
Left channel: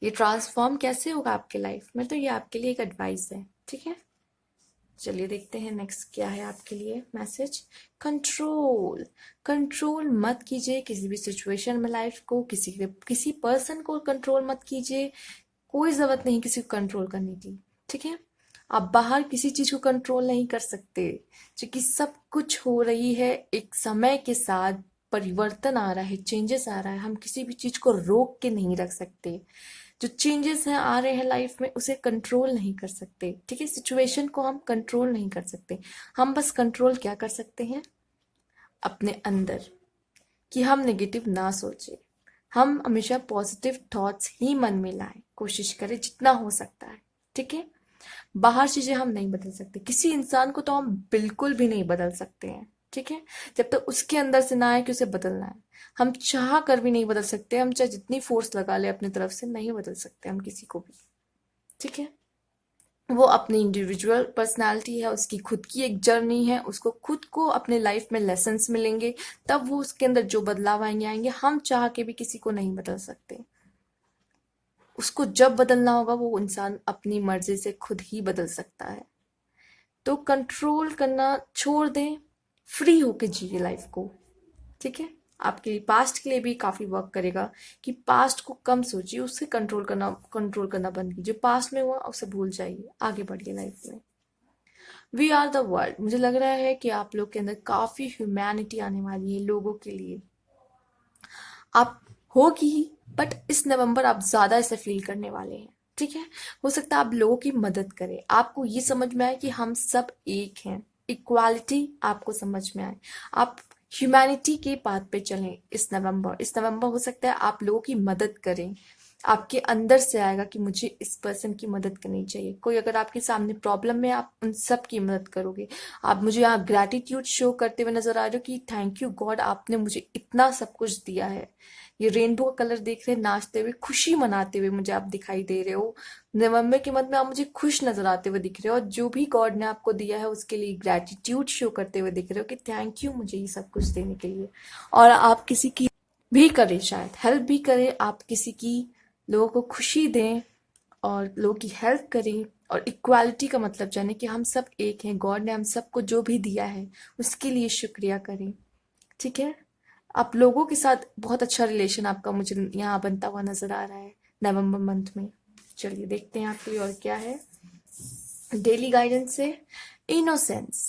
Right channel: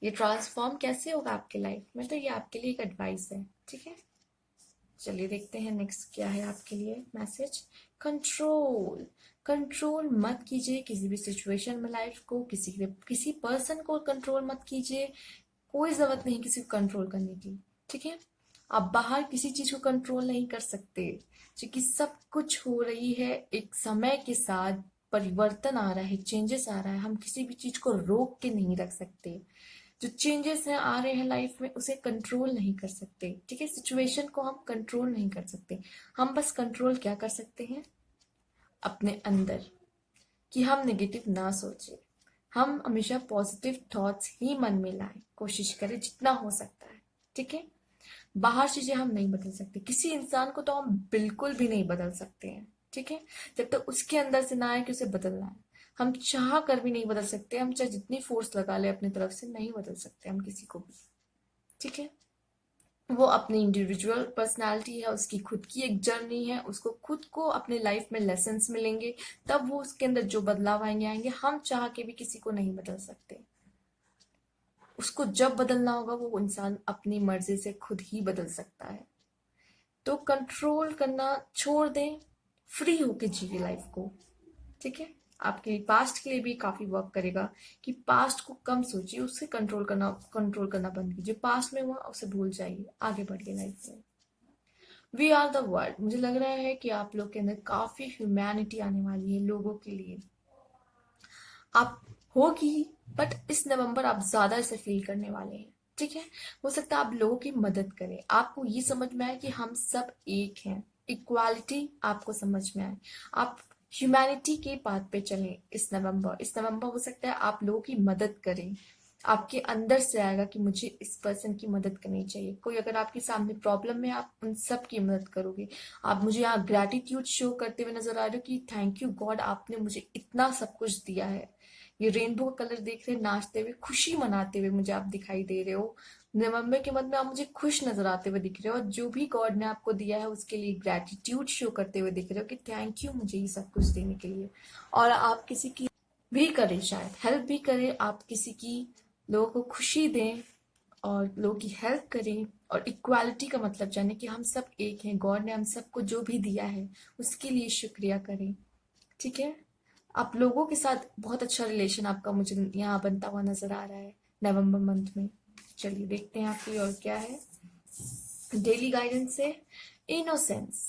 ये ट्रांसफॉर्म कैसे होगा आपके लाइफ में, तो ये आपके लिए एक एडवाइस है, ठीक है। चलिए देखते हैं नेक्स्ट क्या है आपके लिए मैसेज। कंट्रोल, कंट्रोल मत कीजिए किसी भी सिचुएशन में लाइफ को, किसी पर्सन को कंट्रोल मत कीजिए। कोई जरूरत नहीं किसी को कंट्रोल करने की, ठीक है। आप बाहर किसी चीज को कंट्रोल नहीं कर सकते, क्योंकि सब कुछ हो रही है एक समय के साथ, परिवर्तन आ रहा है, चेंजेस आ रहा है, हम किसी भी चीज को रोक के नहीं रख सकते। जो चेंजेस हैं आ रहे हैं लाइफ में उसे कंट्रोल नहीं कर सकते, ठीक है। सिचुएशन को हम कंट्रोल नहीं कर सकते, हम बस कंट्रोल क्या कर सकते हैं अपने अंदर, कि हम नेगेटिव ना सोचें, हम हमेशा पॉजिटिव थॉट्स ही मन में लाएं, कोशिश करें जितना हो सकता है, ठीक है। बाहर चीजें हम नहीं बदल सकते, किसी इंसान को तो हम बिल्कुल भी नहीं बदल सकते हैं, ठीक है। जब तक उसके अंदर से ना आए कि उसे बदलना है, हम चाह कर भी नहीं बदल सकते, हम चाहे जितनी फोर्स लगा ले अपनी तरफ से नहीं बदल सकते हम किसी को भी, ठीक है। वो अपनी इंडिविजुअल पर्सनालिटी है, उसकी खुद की एक जर्नी है, उसको खुद को अपने लाइफ में लेसन्स मिलेंगे, तब वो उसके अंदर जो बदलाव आएंगे आएंगे, हम चाह के भी किसी को नहीं बदल सकते। उसको जब बदलना होगा वो इंसान अपनी मर्जी से खुद ही बदल सकता है। तो कंट्रोल करना छोड़ दें, फ्री होके जिए लाइफ को, ठीक है। आपके पास्ट के लिए भी काफी वर्क करेगा कि पास्ट को कम सोचिए, उससे कंट्रोल करना बंद कीजिए, पास्ट में हुआ उसे भूल जाइए, आगे बढ़िए लाइफ में। वी आर द वर्ल्ड, मुझे लग रहा है कि आप लोग के अंदर काफी ह्यूमैनिटी आने वाली है लोगों के लिए, आप होगी, बट इस नवंबर आप ज्यादा इसे फील करने वाले हैं, ठीक है। हो सकता है आप लोगों की मदद करें, आपको ये समझ में आए कि हम सब एक हैं, इक्वालिटी आपको समझ में आए, आप ह्यूमैनिटी के पाथ पे चलें। इस नवंबर हो सकता है आप लोगों की मदद करें, आपके अंदर से आएगा कि मुझे इस पर्सन की मदद करनी चाहिए। कोई अगर आपके सामने प्रॉब्लम में, आप उन सब की मदद करोगे। आप मुझे यहाँ ग्रैटिट्यूड शो करते हुए नजर आ रहे हो कि थैंक यू गॉड, आपने मुझे इतना सब कुछ दिया है। ये रेनबो का कलर देख रहे, नाचते हुए, खुशी मनाते हुए मुझे आप दिखाई दे रहे हो। नवंबर के मंथ में आप मुझे खुश नजर आते हुए दिख रहे हो, और जो भी गॉड ने आपको दिया है उसके लिए ग्रैटिट्यूड शो करते हुए दिख रहे हो कि थैंक यू मुझे ये सब कुछ देने के लिए। और आप किसी की भी करें, शायद हेल्प भी करें, आप किसी की, लोगों को खुशी दें और लोगों की हेल्प करें। और इक्वालिटी का मतलब जाने कि हम सब एक हैं, गॉड ने हम सबको जो भी दिया है उसके लिए शुक्रिया करें, ठीक है। आप लोगों के साथ बहुत अच्छा रिलेशन आपका मुझे यहाँ बनता हुआ नजर आ रहा है नवंबर मंथ में। चलिए देखते हैं आपके लिए और क्या है। डेली गाइडेंस से innocence,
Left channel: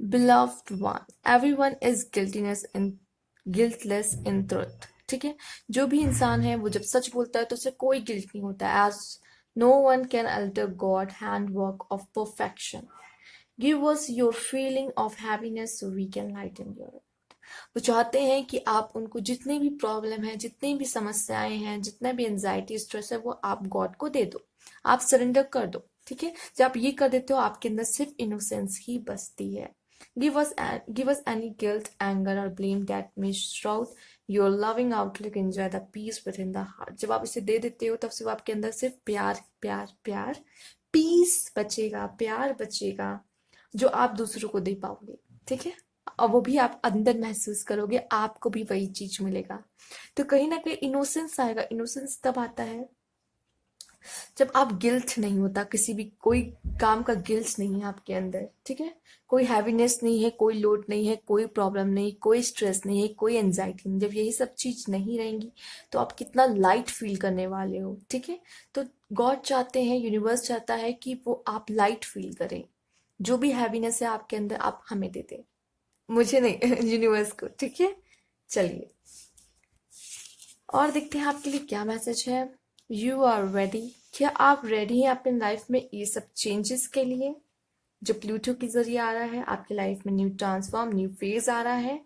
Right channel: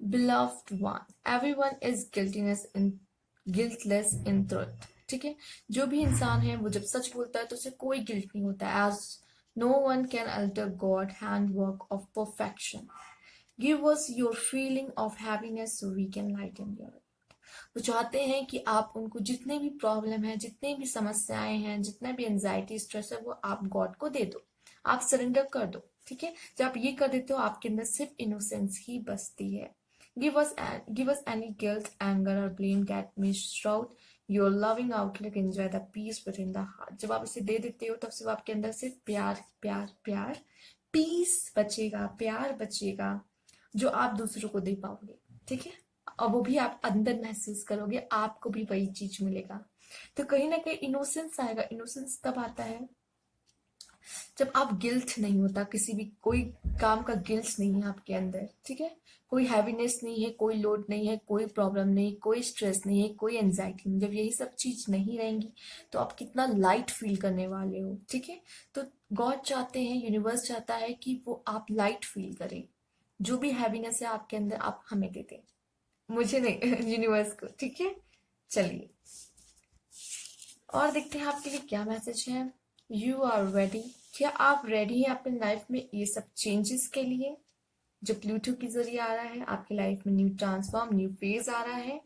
beloved one, everyone is guiltless in truth। ठीक है, जो भी इंसान है वो जब सच बोलता है तो उसे कोई गिल्ट नहीं होता है। As no one can alter God hand work of perfection, give us your feeling of happiness so we can lighten your. वो चाहते हैं कि आप उनको जितने भी प्रॉब्लम है, जितनी भी समस्याएं हैं, जितना भी एंजाइटी स्ट्रेस है, वो आप गॉड को दे दो, आप सरेंडर कर दो। ठीक है, जब आप ये कर देते हो आपके अंदर सिर्फ इनोसेंस ही बसती है। Give us any guilt, anger और blame that may shroud your loving outlook, enjoy the peace within the heart. जब आप इसे दे देते हो तब सिर्फ आपके अंदर सिर्फ प्यार प्यार प्यार, पीस बचेगा, प्यार बचेगा, जो आप दूसरों को दे पाओगे। ठीक है, और वो भी आप अंदर महसूस करोगे, आपको भी वही चीज मिलेगा। तो कहीं ना कहीं इनोसेंस आएगा। इनोसेंस तब आता है जब आप गिल्ट नहीं होता, किसी भी कोई काम का गिल्ट नहीं है आपके अंदर। ठीक है, कोई हैवीनेस नहीं है, कोई लोड नहीं है, कोई प्रॉब्लम नहीं, कोई स्ट्रेस नहीं है, कोई एंजाइटी नहीं। जब यही सब चीज नहीं रहेंगी तो आप कितना लाइट फील करने वाले हो। ठीक है, तो गॉड चाहते हैं, यूनिवर्स चाहता है कि वो आप लाइट फील करें। जो भी हैवीनेस है आपके अंदर आप हमें दे दें, मुझे नहीं यूनिवर्स को। ठीक है, चलिए और देखते हैं आपके लिए क्या मैसेज है। यू आर रेडी, क्या आप रेडी हैं अपनी लाइफ में ये सब चेंजेस के लिए जो प्लूटो के जरिए आ रहा है आपकी लाइफ में? न्यू ट्रांसफॉर्म, न्यू फेज आ रहा है।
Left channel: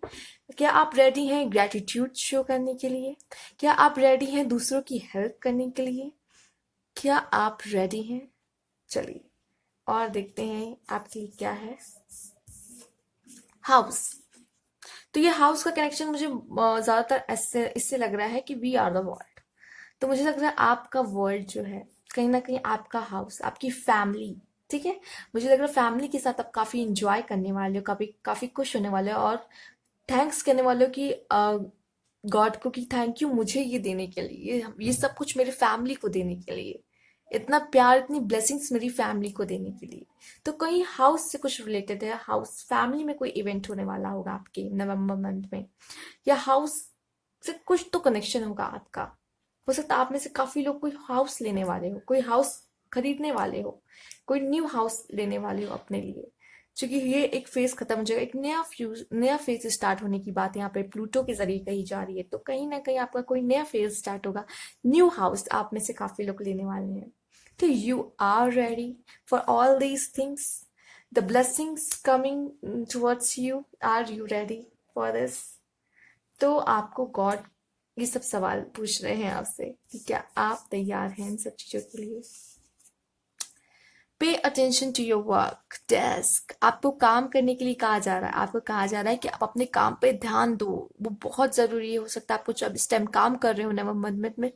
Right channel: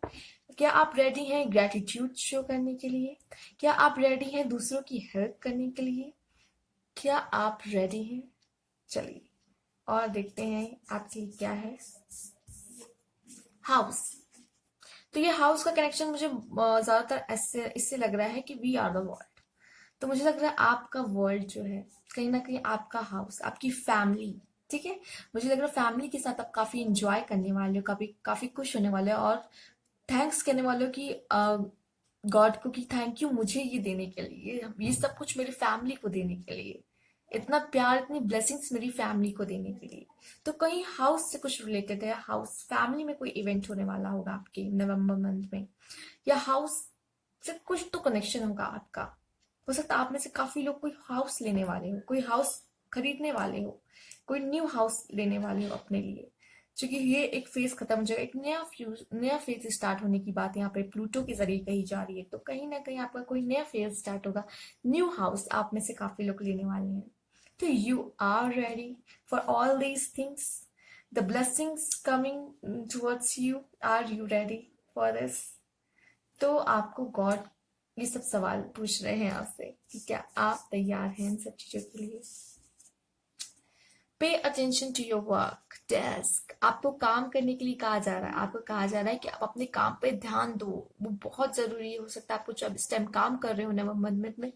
क्या आप रेडी हैं ग्रेटिट्यूड शो करने के लिए? क्या आप रेडी हैं दूसरों की हेल्प करने के लिए? क्या आप रेडी हैं? चलिए और देखते हैं आपके लिए क्या है। हाउस, तो ये हाउस का कनेक्शन मुझे ज्यादातर ऐसे इससे लग रहा है कि वी आर द वर्ल्ड। तो मुझे लग रहा है आपका वर्ल्ड जो है कहीं ना कहीं आपका हाउस, आपकी फैमिली। ठीक है, मुझे लग रहा है फैमिली के साथ आप काफी इंजॉय करने वाले हो, काफी काफी खुश होने वाले हो और थैंक्स कहने वाले हो कि गॉड को कि थैंक यू मुझे ये देने के लिए, ये सब कुछ मेरे फैमिली को देने के लिए, इतना प्यार, इतनी ब्लेसिंग्स मेरी फैमिली को देने के लिए। तो कहीं हाउस से कुछ रिलेटेड है, हाउस फैमिली में कोई इवेंट होने वाला होगा आपके नवंबर मंथ में, या हाउस से कुछ तो कनेक्शन होगा आपका। हो सकता है आप में से काफी लोग कोई हाउस लेने वाले हो, कोई हाउस खरीदने वाले हो, कोई न्यू हाउस लेने वाले हो अपने लिए। क्योंकि ये एक फेज खत्म हो जाएगा, एक नया फेज स्टार्ट होने की बात यहाँ पे प्लूटो के जरिए कही जा रही है। तो कहीं ना कहीं आपका कोई नया फेज स्टार्ट होगा, न्यू हाउस आप में से काफी लोग लेने वाले हैं। तो you are ready for all these things, the blessings coming towards you, are you ready for this? तो आपको गॉड ये सब सवाल पूछ रहे हैं आपसे कि क्या आप तैयार हैं इन सब चीजों के लिए? Pay attention to your work desk, आपको काम करने के लिए कहा जा रहा है। आपको कहा जा रहा है कि आप अपने काम पे ध्यान दो, वो बहुत जरूरी है। हो सकता है आपको जब इस टाइम काम कर रहे हो नवंबर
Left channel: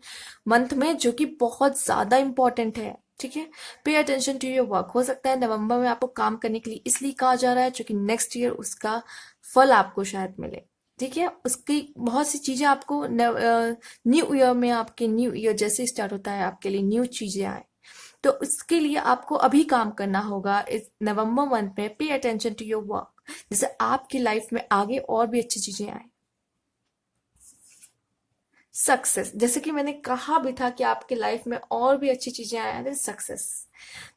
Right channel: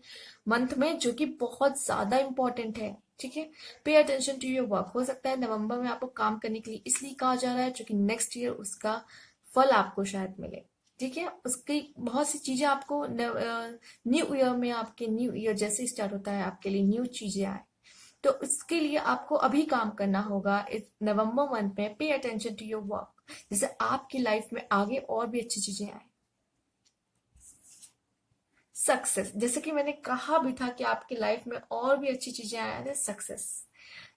मंथ में जो कि बहुत ज्यादा इंपॉर्टेंट है। ठीक है, पे अटेंशन टू योर वर्क। हो सकता है नवंबर में आपको काम करने के लिए इसलिए कहा जा रहा है क्योंकि नेक्स्ट ईयर उसका फल आपको शायद मिले। ठीक है, उसकी बहुत सी चीजें आपको न्यू ईयर में, आपके न्यू ईयर जैसे स्टार्ट होता है आपके लिए न्यू चीजें आए, तो उसके लिए आपको अभी काम करना होगा इस नवंबर मंथ में। पे अटेंशन टू योर वर्क, जिससे आपकी लाइफ में आगे और भी अच्छी चीजें आए। सक्सेस, जैसे कि मैंने कहा भी था कि आपकी लाइफ में और भी अच्छी चीजें आए, सक्सेस।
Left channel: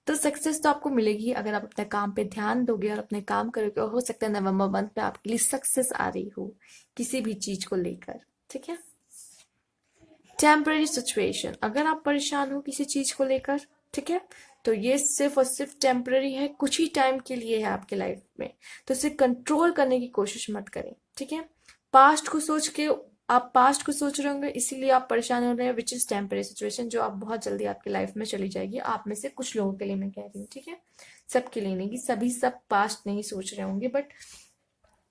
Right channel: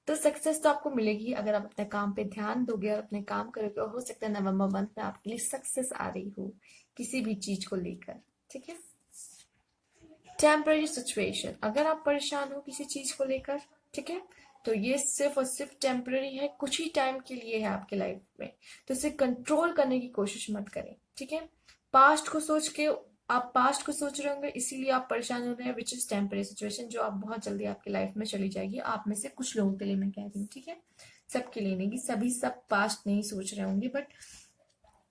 तो सक्सेस तो आपको मिलेगी अगर आप अपने काम पे ध्यान दोगे और अपने काम करोगे। और हो सकता है नवंबर मंथ में आपके लिए सक्सेस आ रही हो किसी भी चीज को लेकर। ठीक है, टेम्पररी सिचुएशन, अगर आप परेशान हो किसी चीज को लेकर, ठीक है, तो ये सिर्फ और सिर्फ टेम्पररी है, कुछ ही टाइम के लिए है आपके लाइफ में। तो इसे कंट्रोल करने की कोशिश मत करें। ठीक है, पास्ट को सोच के आप पास्ट को सोच रहे होंगे इसीलिए आप परेशान हो रहे हैं, विच इज टेम्पररी सिचुएशन, जो आप बहुत जल्दी आपकी लाइफ में चली जाएगी। आप में से कुछ लोगों के लिए मैं कह रही हूँ, ठीक है, सबके लिए नहीं, सभी सब पास्ट नहीं सोच रहे होंगे, बट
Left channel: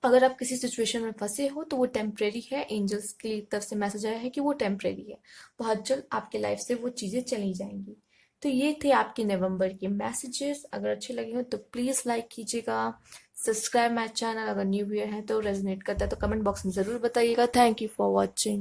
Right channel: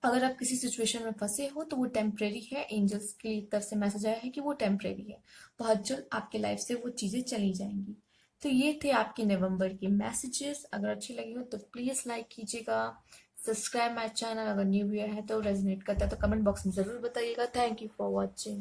अगर आप किसी सिचुएशन में फंसे हो तो वो टेम्परेरी है। एंजल्स की तरफ से मैसेज आया है कि वो टेम्परेरी है, बहुत जल्द आपके लाइफ से वो चीजें चली जाएंगी। तो ये थे आपके नवंबर के मैसेजेस। अगर अच्छे लगे हो तो प्लीज लाइक कीजिएगा, सब्सक्राइब माय चैनल। अगर न्यू ईयर है तो रेजोनेट करता है तो कमेंट बॉक्स में जरूर बताइएगा। Thank you for watching.